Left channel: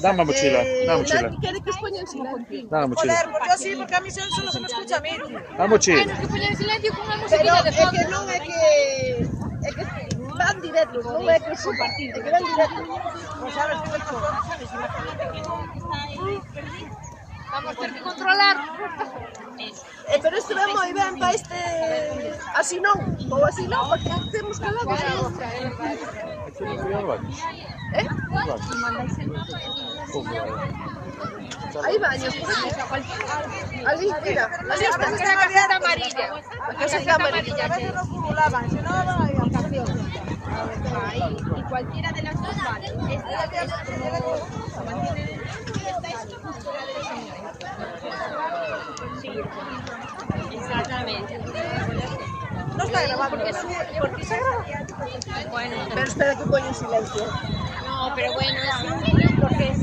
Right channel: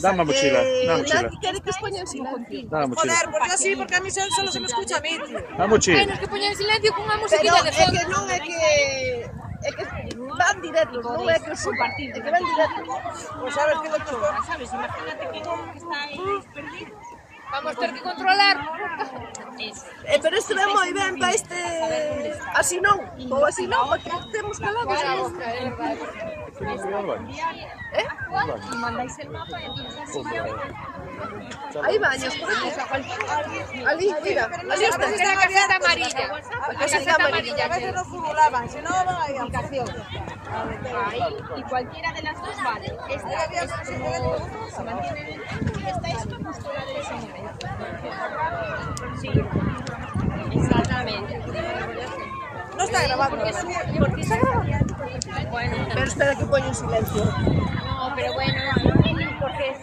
Dame a mochila, dame a mochila. Nadie quiere que os ponga en silencio. Dame a mochila. Joder, pues yo sí, porque a mí solo se me escucha a mí, tío. Dame a mochila. Ai, nos que poñer en silencio con unha Pero musiquita de é fondo. que non é que... É que van directos, non é que son partidos, é que van directos. Pues sabes que mucho. Vamos ter que controlar. Pero isto é moi ben para este... Así non, ou así non, porque temos calados. Aquí no frío vamos. Eh? Hai baños por aquí. Ali, mira, ali os tens. Esta é a caseta amarilla. A caseta amarilla. A veces nos simulaban, si no, no hay aplicación. Ahí, y cualquiera de las dos vale. Esta es como se mantiene y esta es justo la del señor. Sí, exactamente. No está grabado. Porque está grabando. Bueno, pero espera que poño en silencio. No, pero bueno, porque es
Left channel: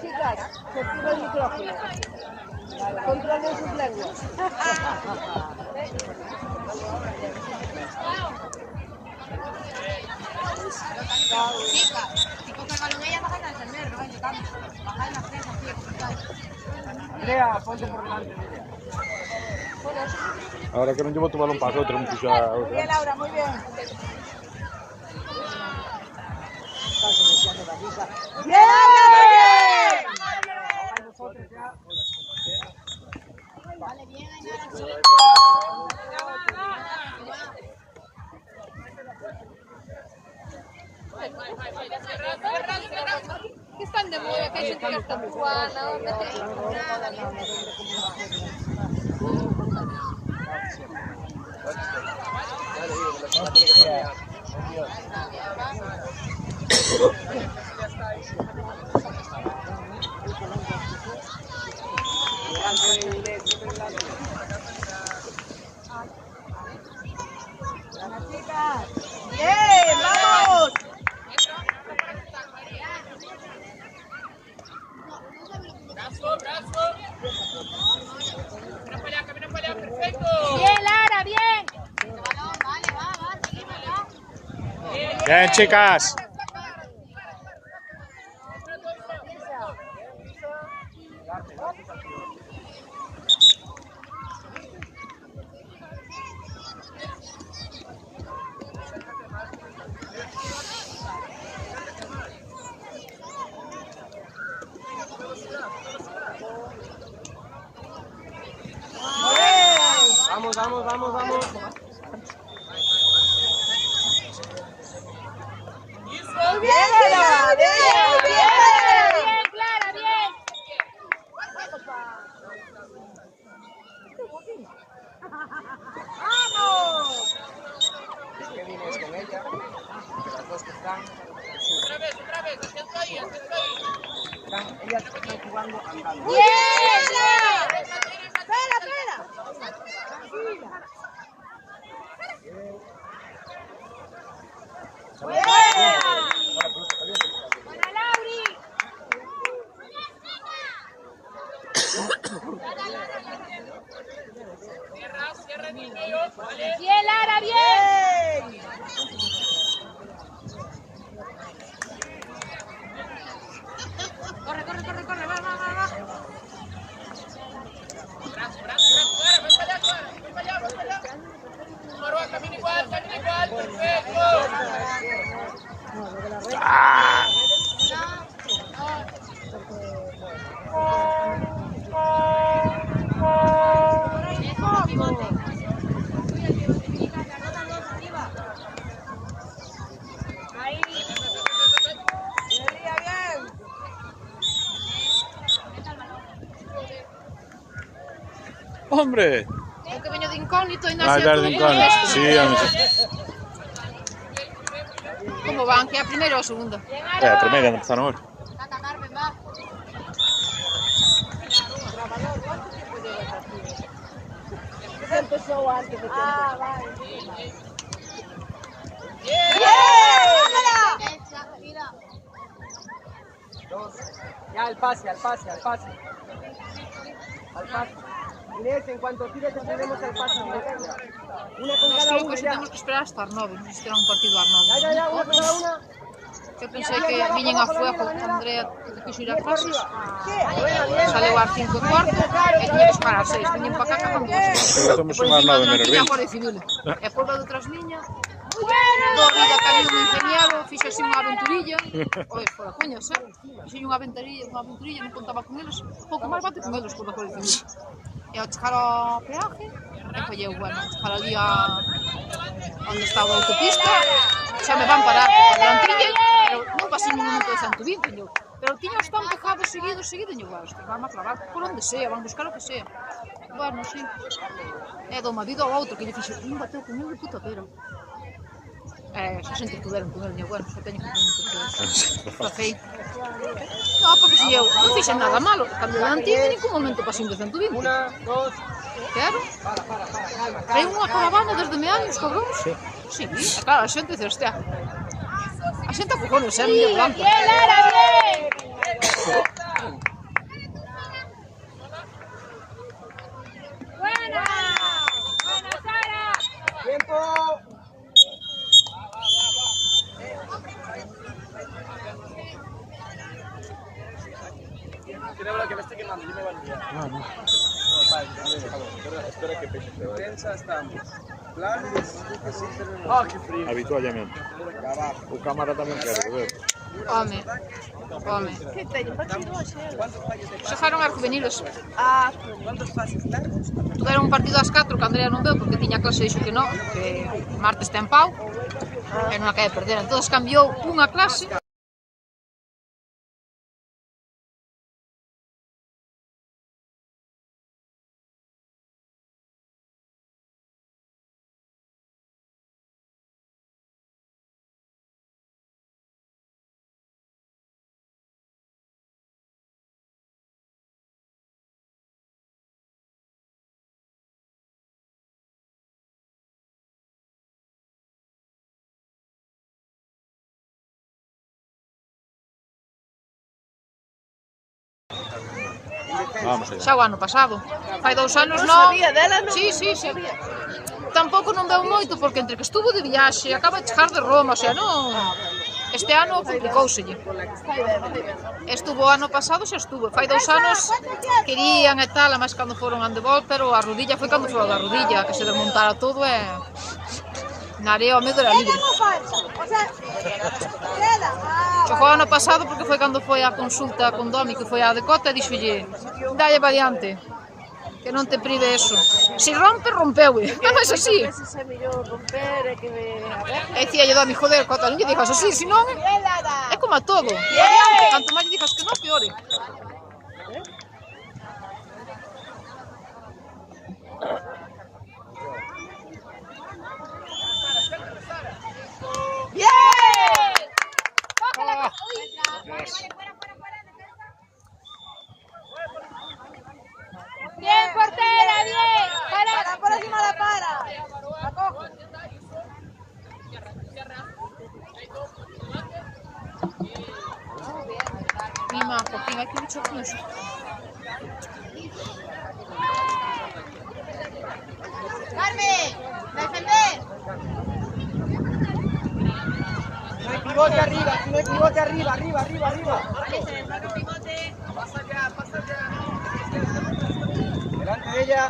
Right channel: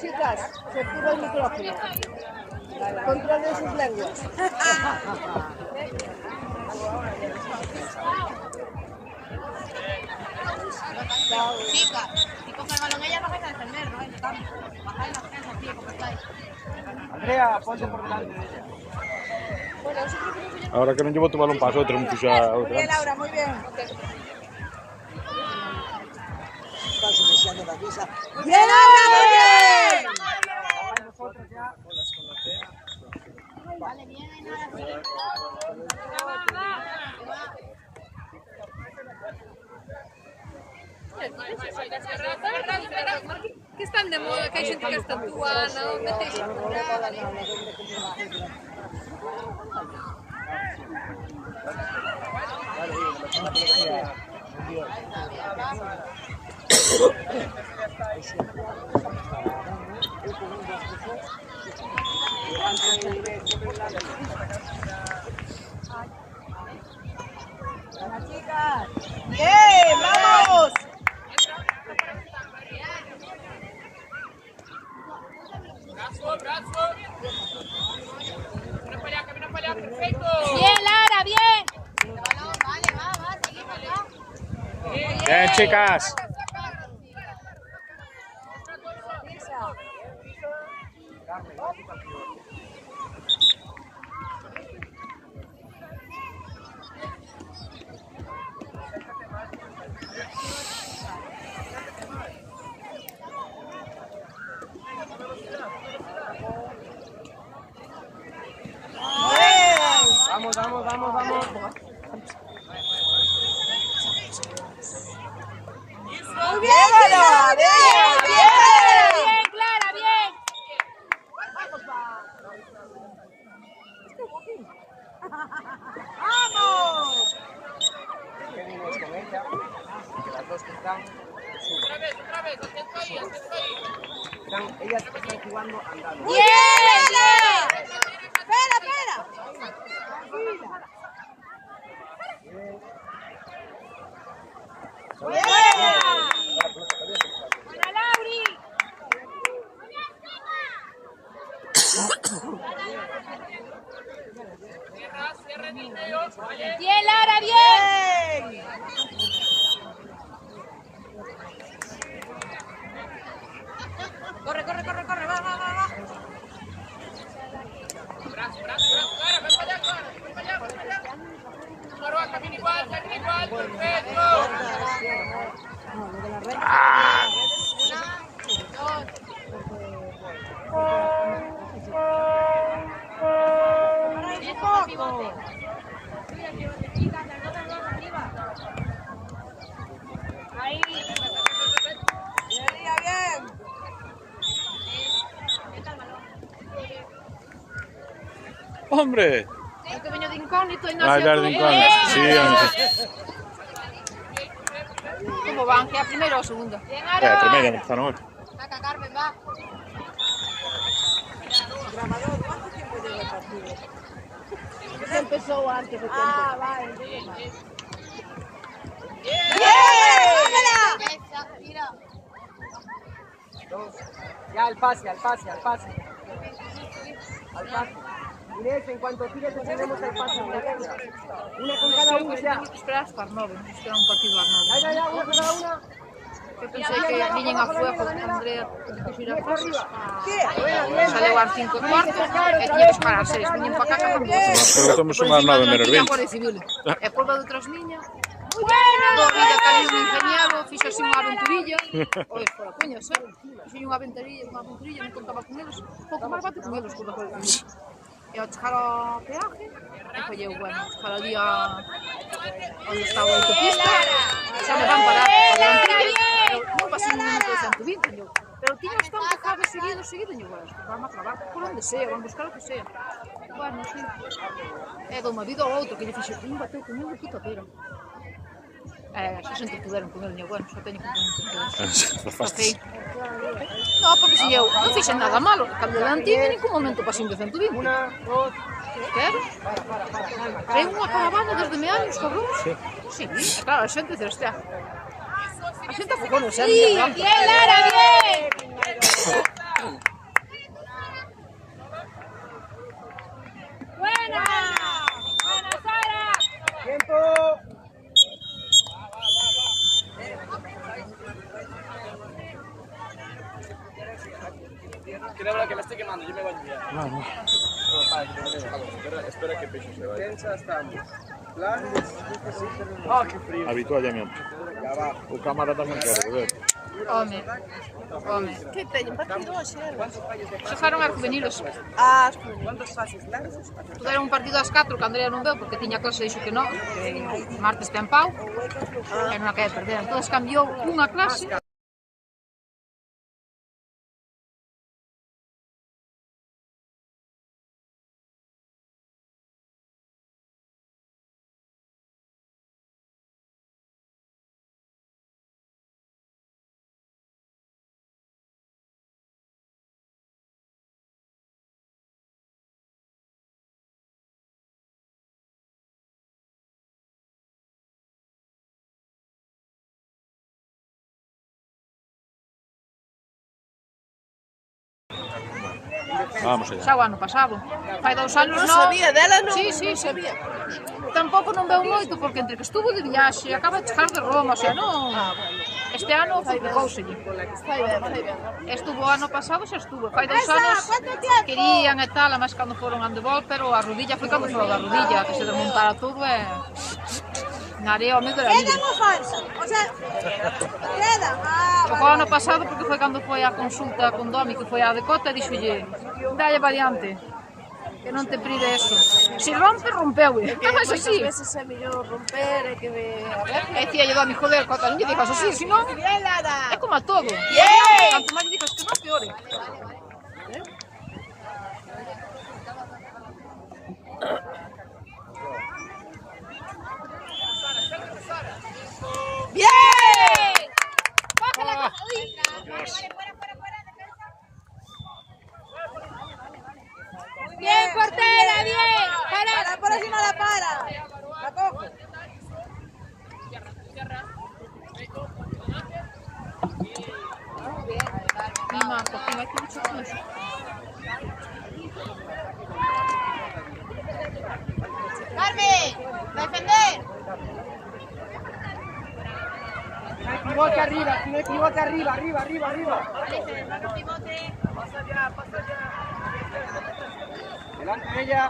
Chicas, se activa el micrófono. Controlen sus lenguas. Chica, si coge el balón ella, baja a defender, no estamos. Baja las tres así, como estáis. Andrea, ponte por delante. Ahora que non llevo tu balón para a outra, non puxa a Muy outra. bien, Laura, muy bien. ¡Bien, Laura, muy bien! Vale, bien, hay nada así. Que están de moda, que hay gente que está actuando. ¡Bien, vamos! Bien, Lara, bien. Vale, va, seguimos, va. Bien, chicas. Muy bien, Laura, bien, bien. Bien, Clara, bien. Bien, Espera, espera. Para Lauri. Bien, Lara, bien. Corre, corre, corre, corre, va, va, va, va. Bien, bien. Hombre. Aunque veño de incógnito, y Ah, ya de incógnito. Sí, hombre. ¿Cómo van? ¿Que a primero o segundo? A primeira, non empezaron ahora. Saca Carmen, va. Se empezó antes de tiempo. Derecha, mira. Ya al pase, al pase, al pase. Al pase. Inés, en cuanto tires, tenemos al pase. Una con cada uno ya. Tenemos que esperar hasta las 9. Nos espera un partido a las 9. Ya, una con cada una. Eu pensei que viñen a fuego, Andrea quixo ir a clases. Bien, Saleu ás 5:15 e tiña que esperar ás 6. Viñen para cá cazando as 6. Pero temos Por unha encima nove de menos unha tiña a 20. Guardia Civil. E por lado detrás miña, do vida que había un ingeniero, fixo así unha aventurilla. Ois, por a coña, xa. Fixo unha aventurilla, non contaba con eles. Pouco máis bate con eles, con a Guardia Civil. E ao chegar ao peaje, e colleu, bueno, chegar ali a onde estaba a autopista, xa me van parar a garantilla, pero non pasei un minuto de 120, yo. Pero tiña os tan pecados seguidos, e yo, bueno, van a clavar por onde sea, van buscar o que sea. Bueno, sí. E do marido ao outro, que lle fixe, bateu comigo de puta pera. Xa se entretuveron con el, bueno, xa teño que café. No, porque se eu non fixen nada malo, cambio de antigo en ningún momento pasei de 120. Una, dos. Claro. Para, calma, Traen calma. unha caravana desde meanos, cabrón. Sí, claro, a xente dice, hostia. A xente a cojones, xa, mira, blanco. Bien, Lara, bien. Tensa estamos. Planos, así terminamos. Ah, que frío. Habitualmente. Ya abajo. O cámara tamén quere, ver. Home, home. Que teñen partido hoxe? ¿Cuántos fallos de Xa pase? foron a juvenilos. Ah, ¿Cuántos pases largos? Era un partido ás 4 que Andrea non veu porque tiña clase e dixo que non, que o martes ten pau e non a quere perder. Entón cambiou unha clase. Vamos allá. Xa o ano pasado. Fai 2 anos non non. sabía dela, non? Sí, sí, sí. Tampouco non veu moito porque entre que estuvo de viaxe, acaba de chegar de Roma, o sea, non. Este ano complicóuselle. Fai ben. Estuvo o ano pasado, xa estuvo. Fai 2 anos querían e tal, además cando foron handebol, pero a rodilla foi cando foi da rodilla, que se desmontara todo e na area o medo era libre. O sea, queda. Chocou o ano pasado porque foi cando foi a consulta con Domi, que foi a decota, e dixolle, dalle variante, que non te pride eso. Si rompe, rompeu, non é así. Ese se mellor romper e que me... E dicía lle Domi, joder, Cota, non lle dixas así, senón é como a todo. Canto máis lle dixas que non, peore. Bien, portera, bien. Para, por encima la para. La coge. Mima, porque non hai que luchar con eso. Carmen, defender. No hay pivote arriba, no hay pivote arriba, arriba. Vale, se desmarca el pivote. Pasa ya. Delante de ella.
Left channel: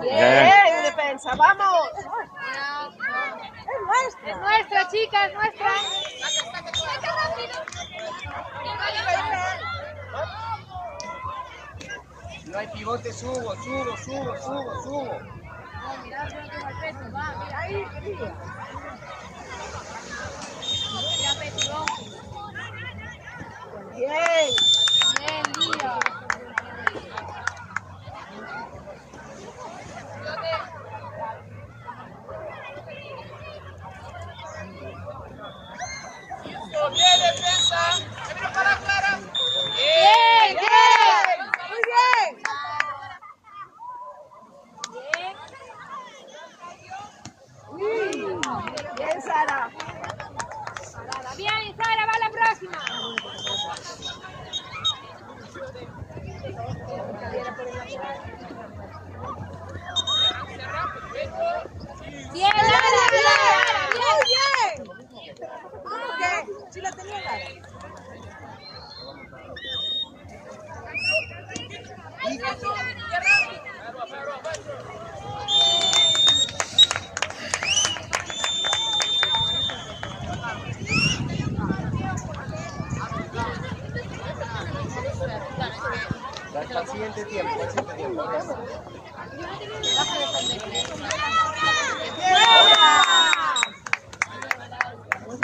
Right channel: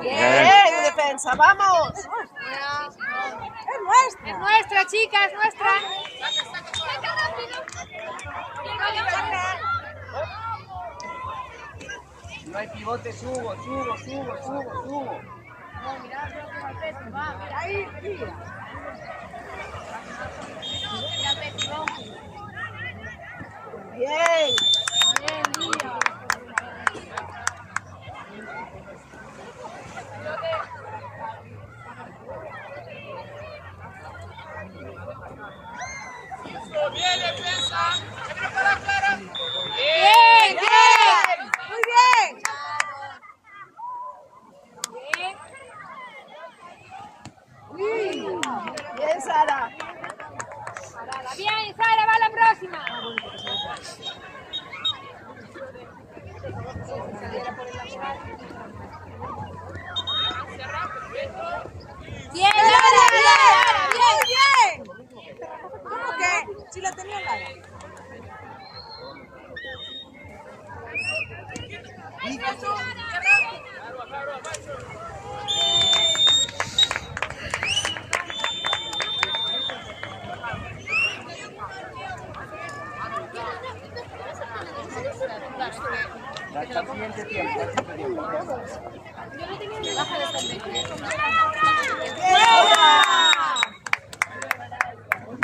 Bien, defensa, vamos. Es nuestra, chica, es nuestra. No hay pivote, subo. Bien. Bien, bien. Muy bien. Bien, Sara. Bien, Sara, va la próxima. Bien, Lara, bien. ¿Cómo que? Si la tenía Lara. Al siguiente tiempo.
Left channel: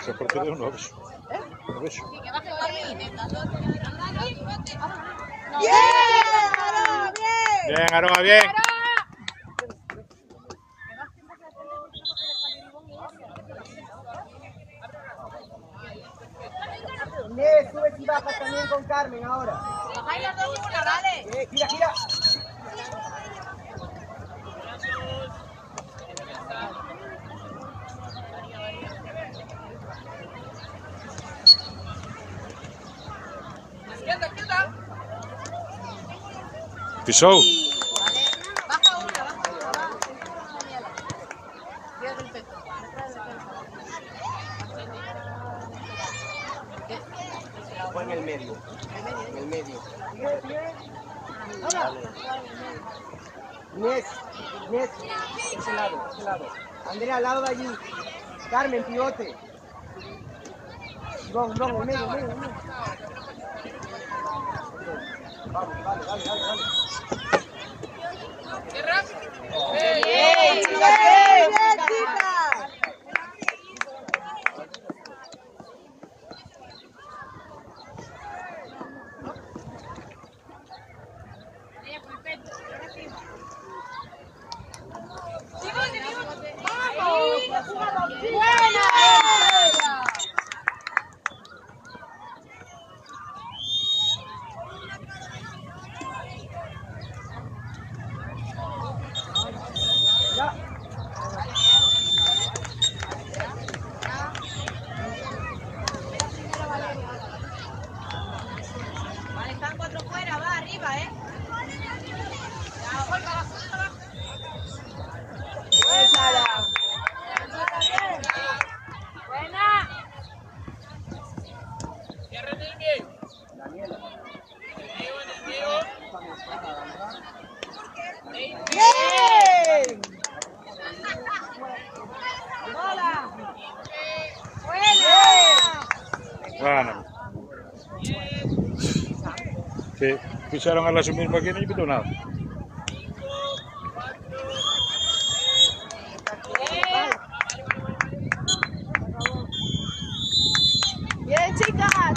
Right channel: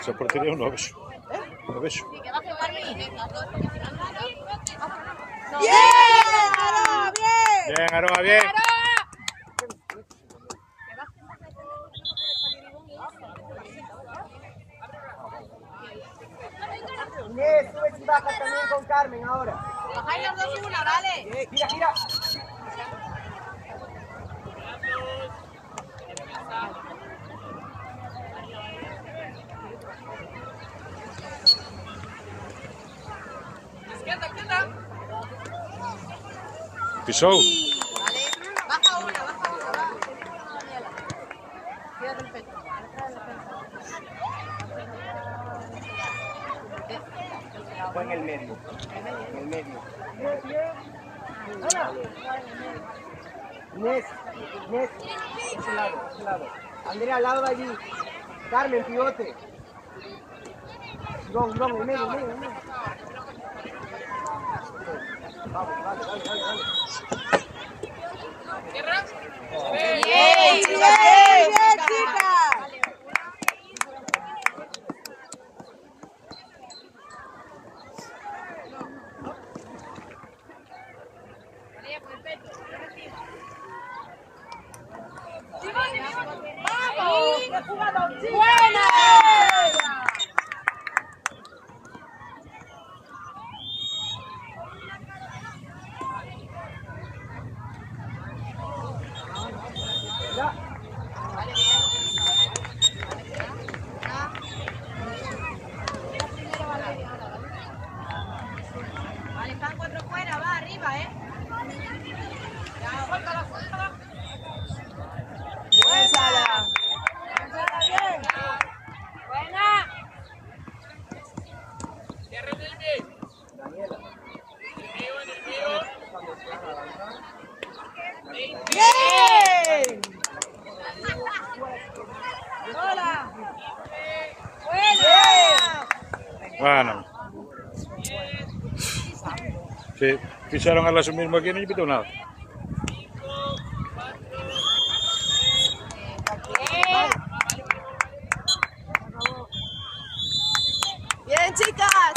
Se portería un obeso. Un obeso. Bien, Aroa, bien. Inés, subes y bajas también con Carmen ahora. Bajáis las dos en una, ¿vale? Gira. Pisou. Peto. Letra de defensa. Fue en el medio. En el medio. Inés, ese lado. Andrea, al lado de allí. Carmen, pivote. No, en el medio. Vamos, dale. Bien, chicas. Ya. Vale, están 4 fuera, va arriba, ¿eh? Ya, suéltala. Bien, Sara. Buena. Daniela. Bien. Hola. Bueno. Sí, ficharon a los mismos que no invitó nada. Bien, chicas.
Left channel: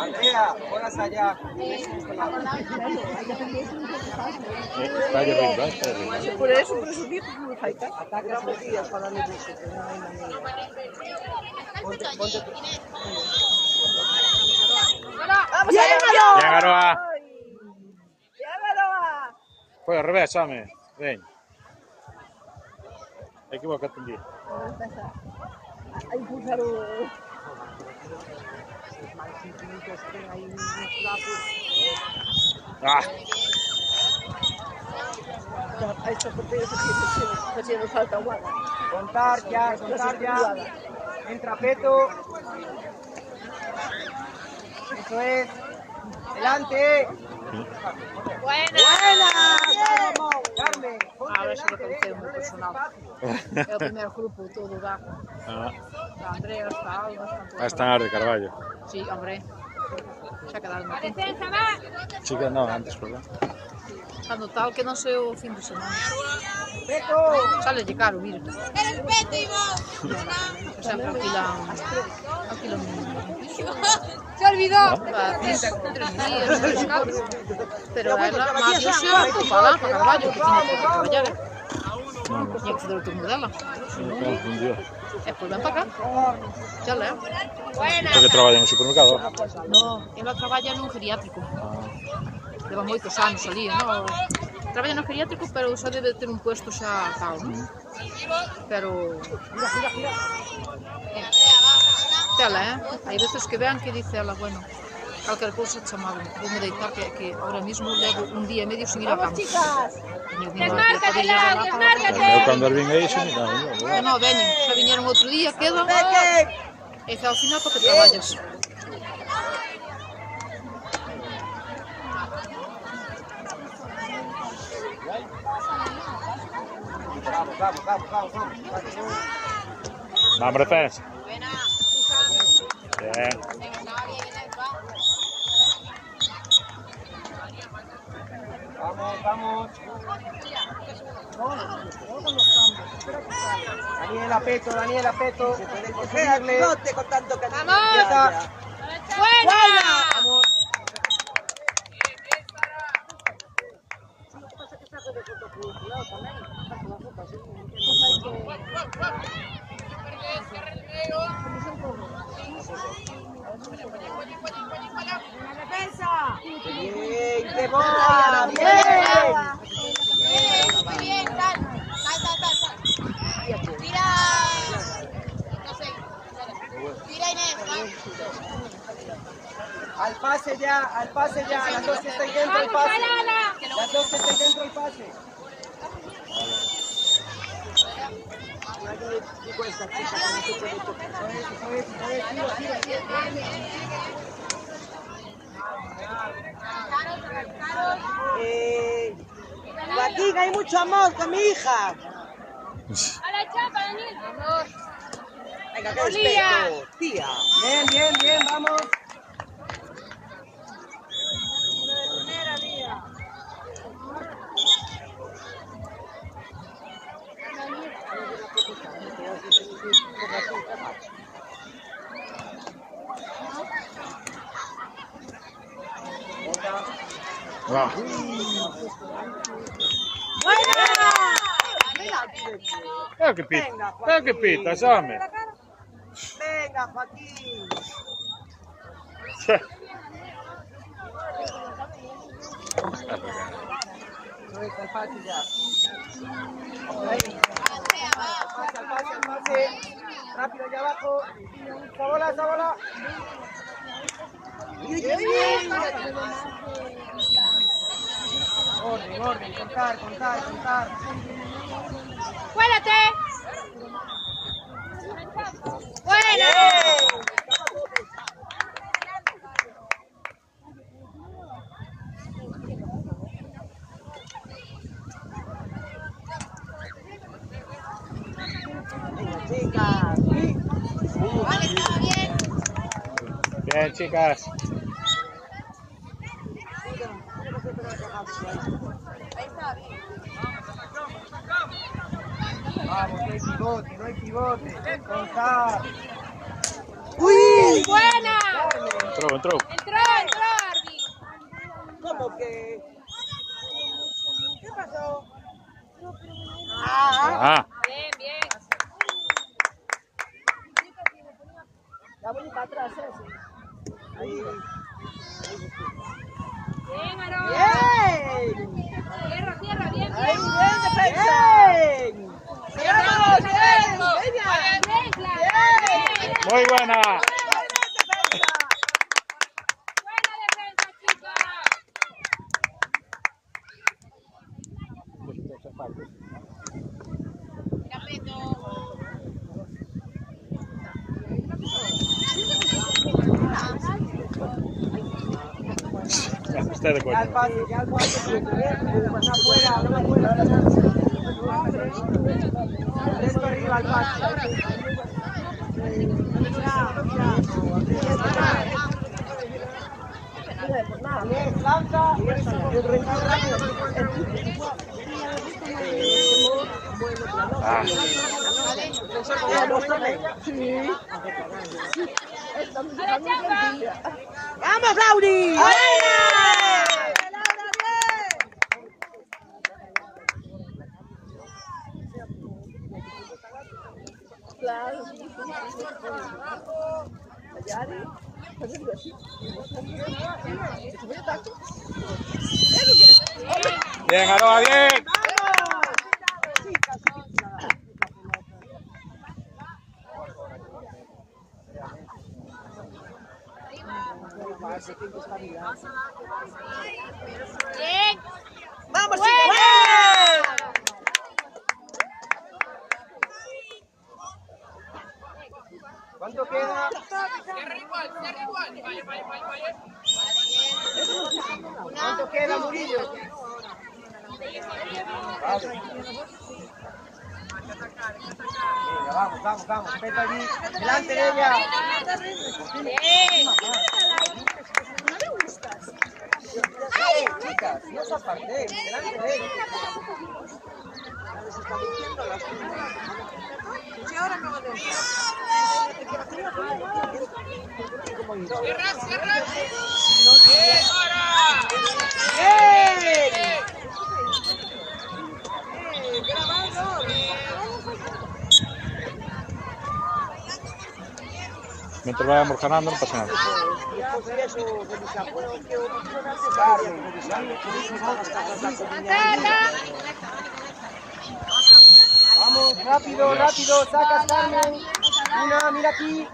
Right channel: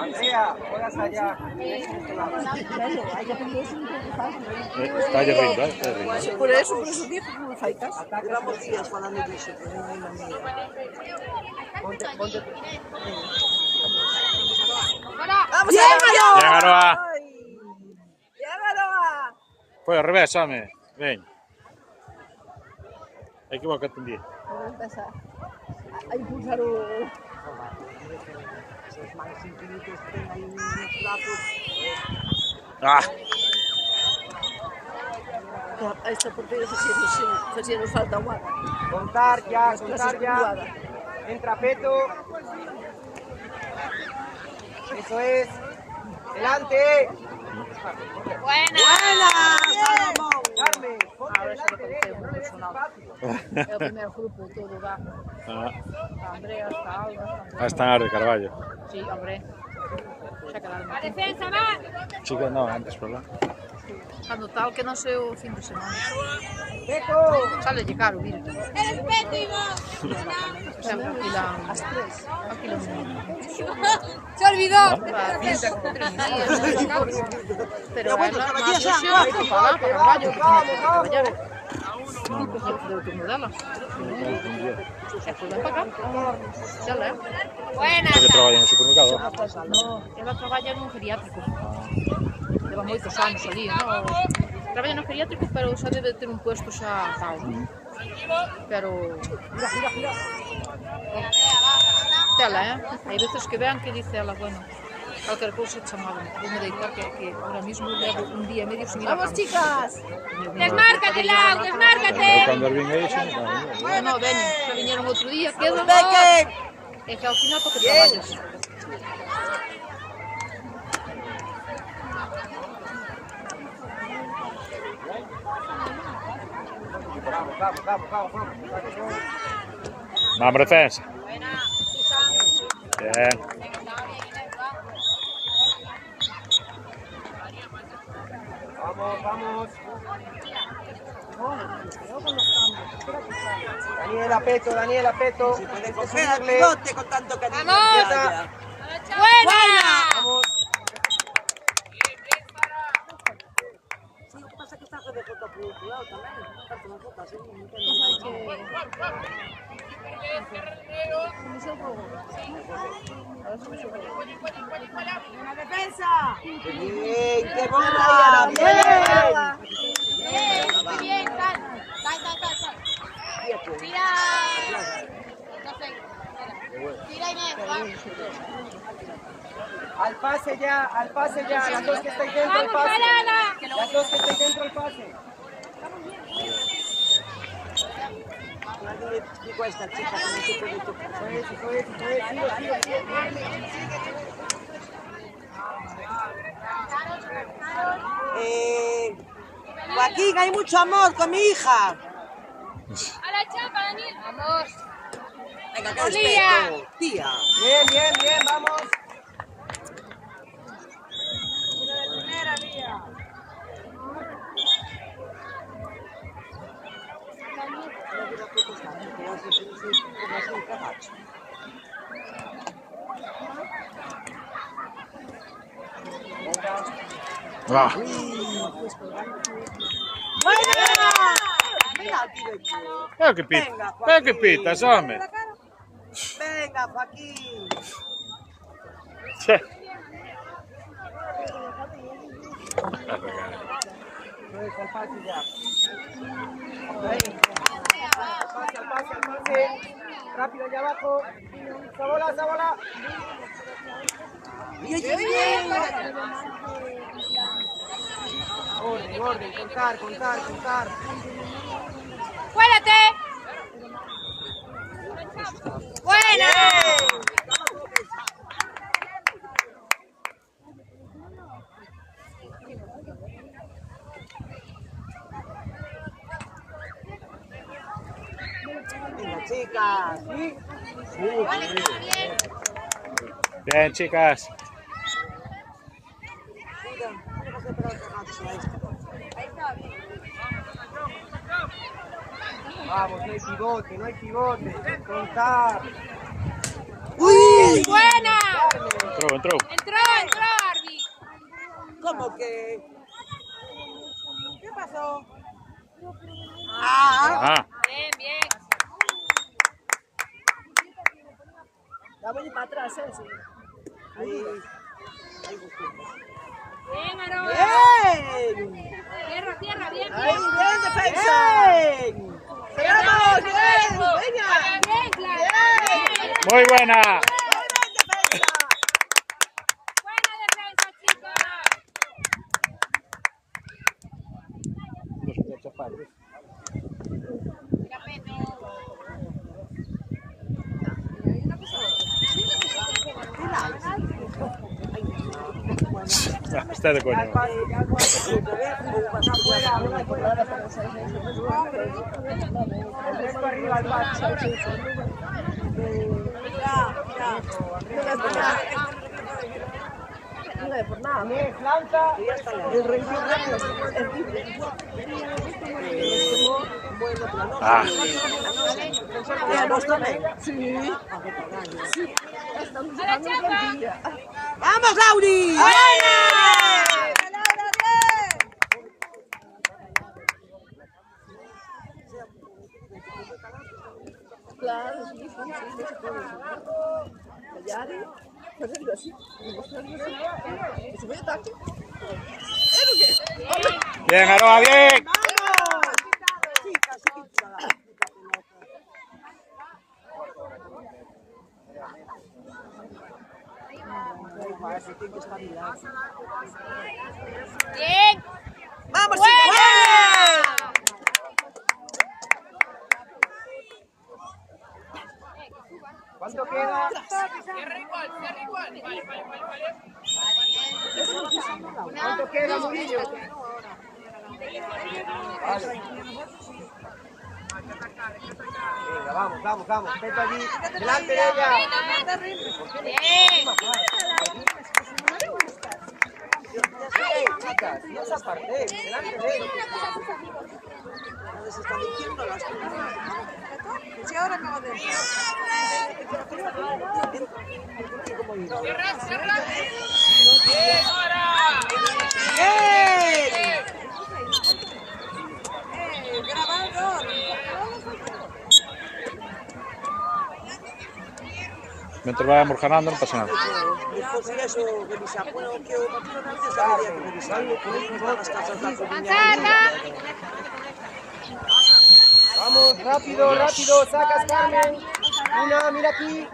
Andrea, horas allá. Está arriba. Por eso dijo que me faltas. Atacas los días cuando me dice. Ponte. ¡Vamos, Aroa! Bien, Aroa. Bien, Aroa. Foi ao revés, Same. Ven. Equivócate un día. Hay que usar o... Ah, No, esta portería se nos falta agua. Contar ya. Entra Peto. Eso es. Delante. Buena. Carmen, ponte Ahora sí que delante de conocemos ella, no le des personal. espacio. É o primeiro grupo todo da. Ah, Está Andrea, está Alba, está... está en Ar de Carballo. Sí, hombre. Xa quedaron aquí. Defensa, va. Chica, no, antes por lá. Cando tal que non sei o fin de semana. Beto, Sale de caro, vir. Sempre alquilan Se olvidó. para 3 días. Pero ela, máis yo xe, ocupada, para Carballo, que tiña que traballar. Non coñía que o turno dela. Un día. E foi ben para cá. Xa leo. Buena. Porque traballa no supermercado. Non, ela traballa nun geriátrico. Leva moitos anos ali, non? Traballa no geriátrico, pero xa debe ter un puesto xa tal, non? Pero... gira. Tela, hai veces que vean que dice ela, bueno, cualquier cousa chamaban, vou deitar que ahora mismo levo un día e medio sin ir a Vamos, campo. chicas. Desmárcate, Lau, desmárcate. Eu cando vin aí, sí, No, veñen, xa viñeron outro día, quedan, Peque. e que ao final porque traballas. Vamos. Vamos, defensa. Bien. Vamos. Daniela Peto. Seguirle. con tanto cariño. Quieta. Buena. Bien, qué buena. Muy bien, sal. Tira. No sé. Tira, Inés. Al pase ya. Las dos que estáis dentro el pase. El pase. Joaquín, hay mucho amor con mi hija. A la chapa, Daniel. Venga, qué respeto, tía. Bien, vamos. Va. Veo que pitas, hombre. Venga, Joaquín. Che. Al pase ya. Al pase. Rápido allá abajo. Esa bola. Orden. Contar. Cuélate. Buena. Venga, chicas. Bien, chicas. Vamos, no hay pivote. Contar. ¡Uy! Buena. Entró. Entró, Arby. ¿Cómo que? ¿Qué pasó? Ah, Bien. la voy para atrás, sí. Ahí. Bien, Aaron. Bien. Tierra, bien. Bien, defensa. Bien. Bien, Clara. Muy buena. Buena defensa, chicos. Está de coña. Al pase, al pase. Una fuera, una fuera. El resto arriba al pase. Inés, lanza. El rendir rápido. Ah, ¡Vamos, Lauri! Claro, sí, bien, Aroa, bien. Bien. ¡Vamos, ¿Cuánto queda? Cierra igual. Vale. ¿Cuánto queda, Murillo? Vale. Venga, vamos. Vete allí. Delante de ella. Chicas, no se aparten. Delante de ella. Cierra. Bien, ahora. Mientras vayamos ganando, no pasa nada. Vamos, rápido, sacas, Carmen. Una, mira aquí.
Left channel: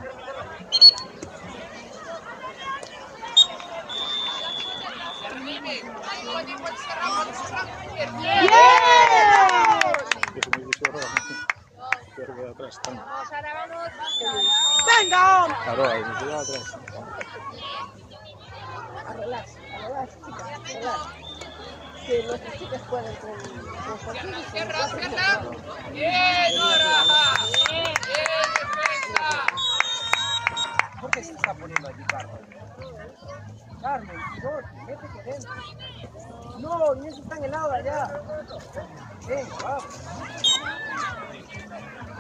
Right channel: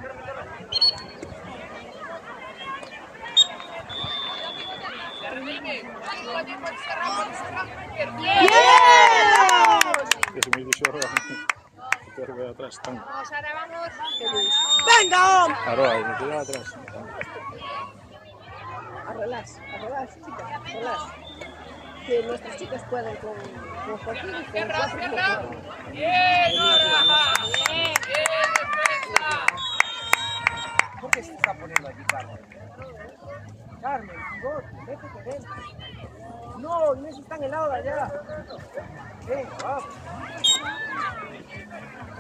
Que se me dice ahora. Que voy atrás, están. ¡Venga! Aroa, me queda atrás. Relax, chicas, relax. Que nuestras chicas puedan con los partidos. Cierra. Bien, Nora. Bien, defensa. ¿Por qué se está poniendo aquí, Carmen? Carmen, pivote, métete dentro. No, Inés está en el lado de allá. Venga, vamos.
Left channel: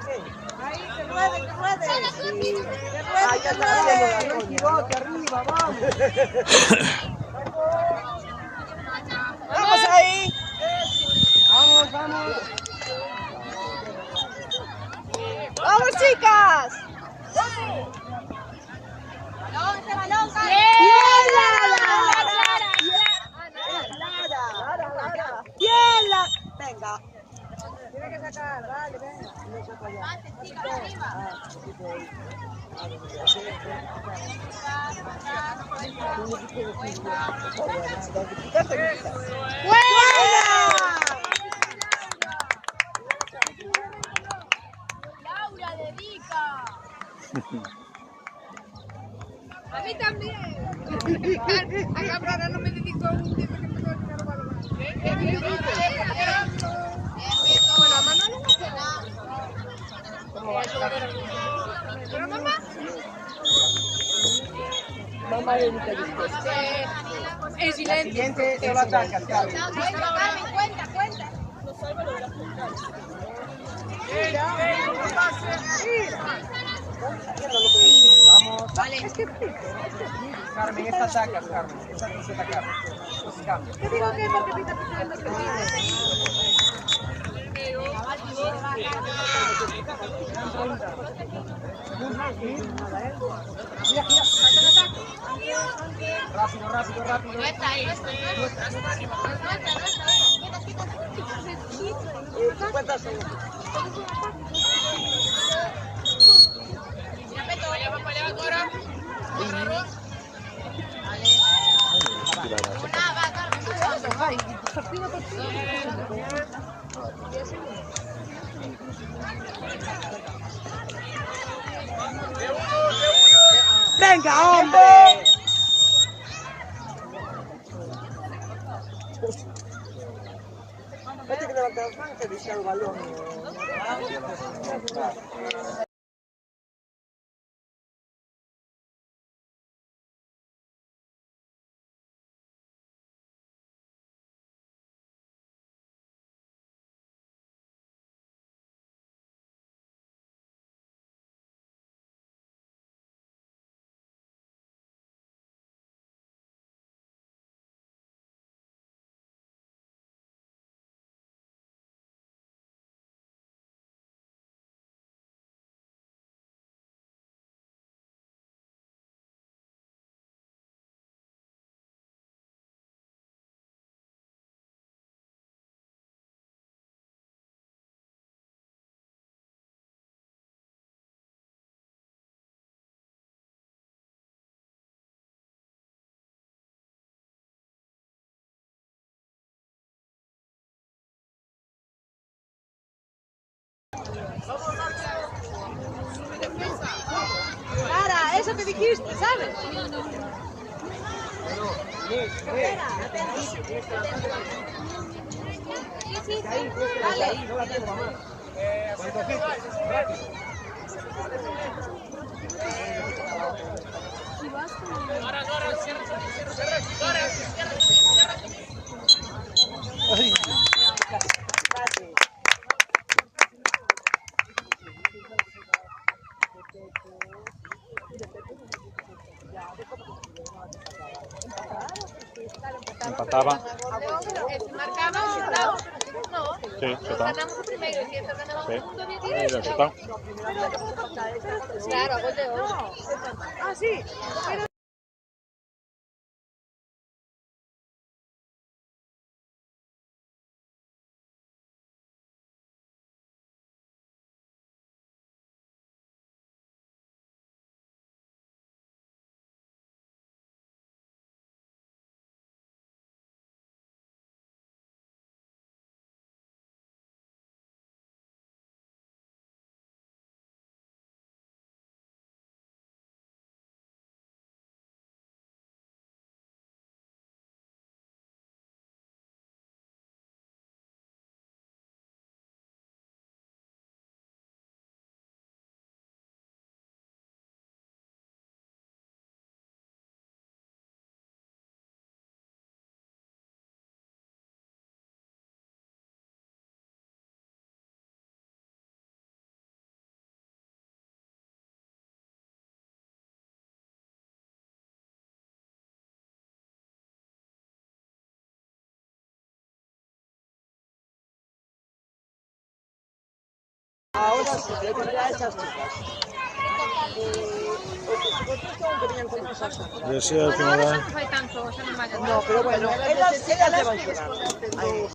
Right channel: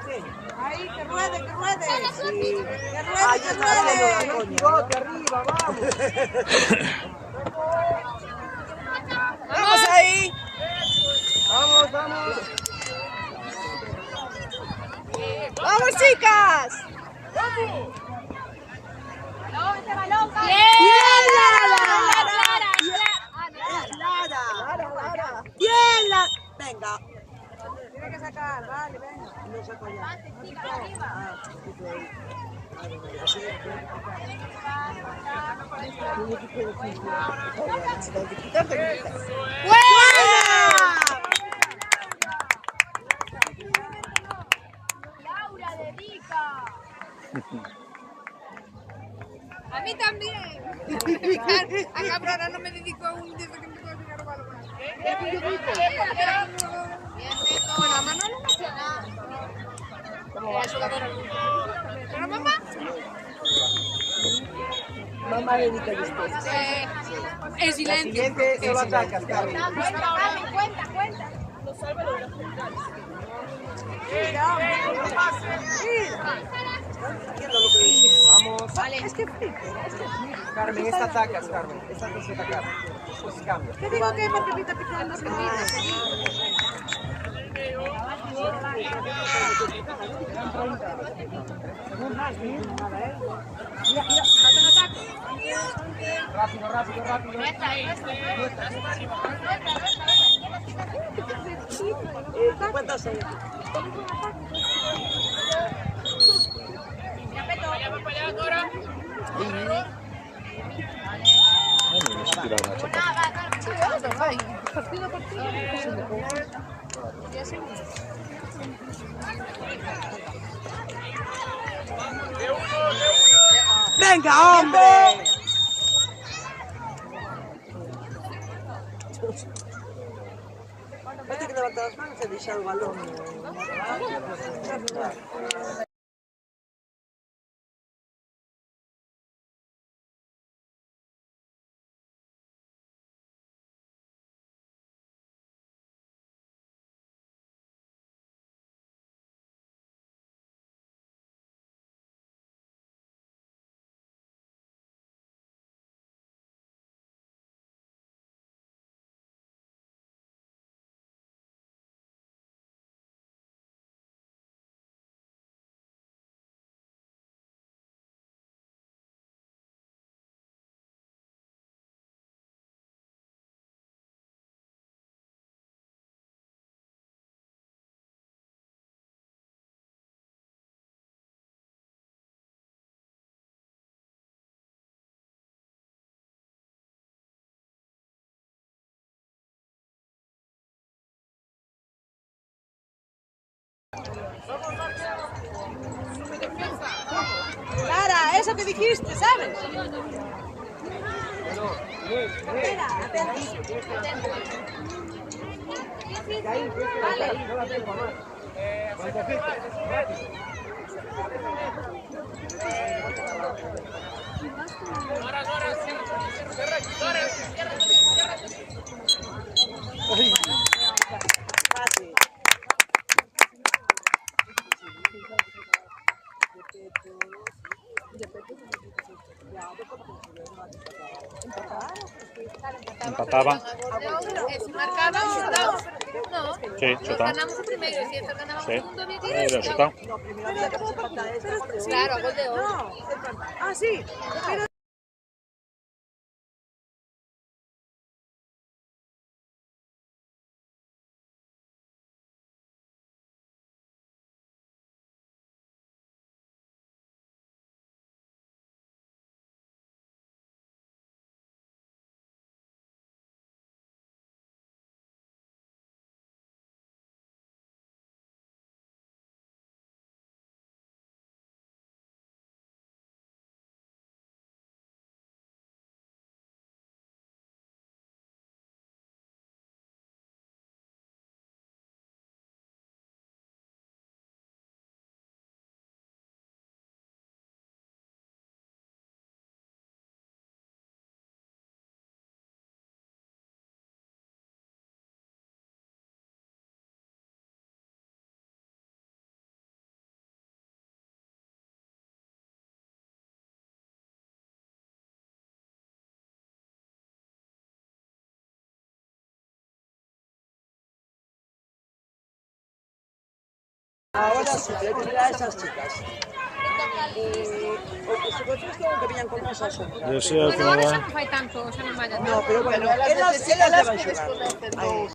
Ahí, que puede. Sí. Ahí ya está haciendo el pivote arriba, vamos. ¡Vamos ahí! Vamos. ¡Vamos, chicas! Lara. Bien, Lara. Venga. Tiene que sacar, vale, venga. No saca ya. Laura, dedica. A mí también. A Cabrera no me dedicó un dedo que me va a llegar a Bien. Bueno, a Manuel no me hacía nada. ¿Cómo va? ¿Pero mamá? Mamá dedica después. En La silencio. siguiente solo atacas, Carmen. Cuenta, Carmen, cuenta. Vamos. Vale. Carmen, esta atacas, Carmen. Esta no se atacar. Pues cambia. ¿Qué digo que me repita picando los caminos? Rápido. Vaya, va para allá, Nora. ¡Venga, hombre! Vai ter que levantar as manos e deixar o balón. Clara, eso que dijiste, ¿sabes? Vale. No da tiempo a más. ¿Cuánto quita? Rápido. Ahora, cierra. Empataba. Si marcaba, chutamos. No, Sí, chutamos. ganamos el primero. Si ganamos el Sí. segundo, bien Lo chutado. Claro, gol de oro. Ah, sí. Ahora sí, creo que será esas chicas. Que venían con cosas. Yo sí, al final. No fai tanto, xa non vaya. No, pero bueno, elas se van xogar.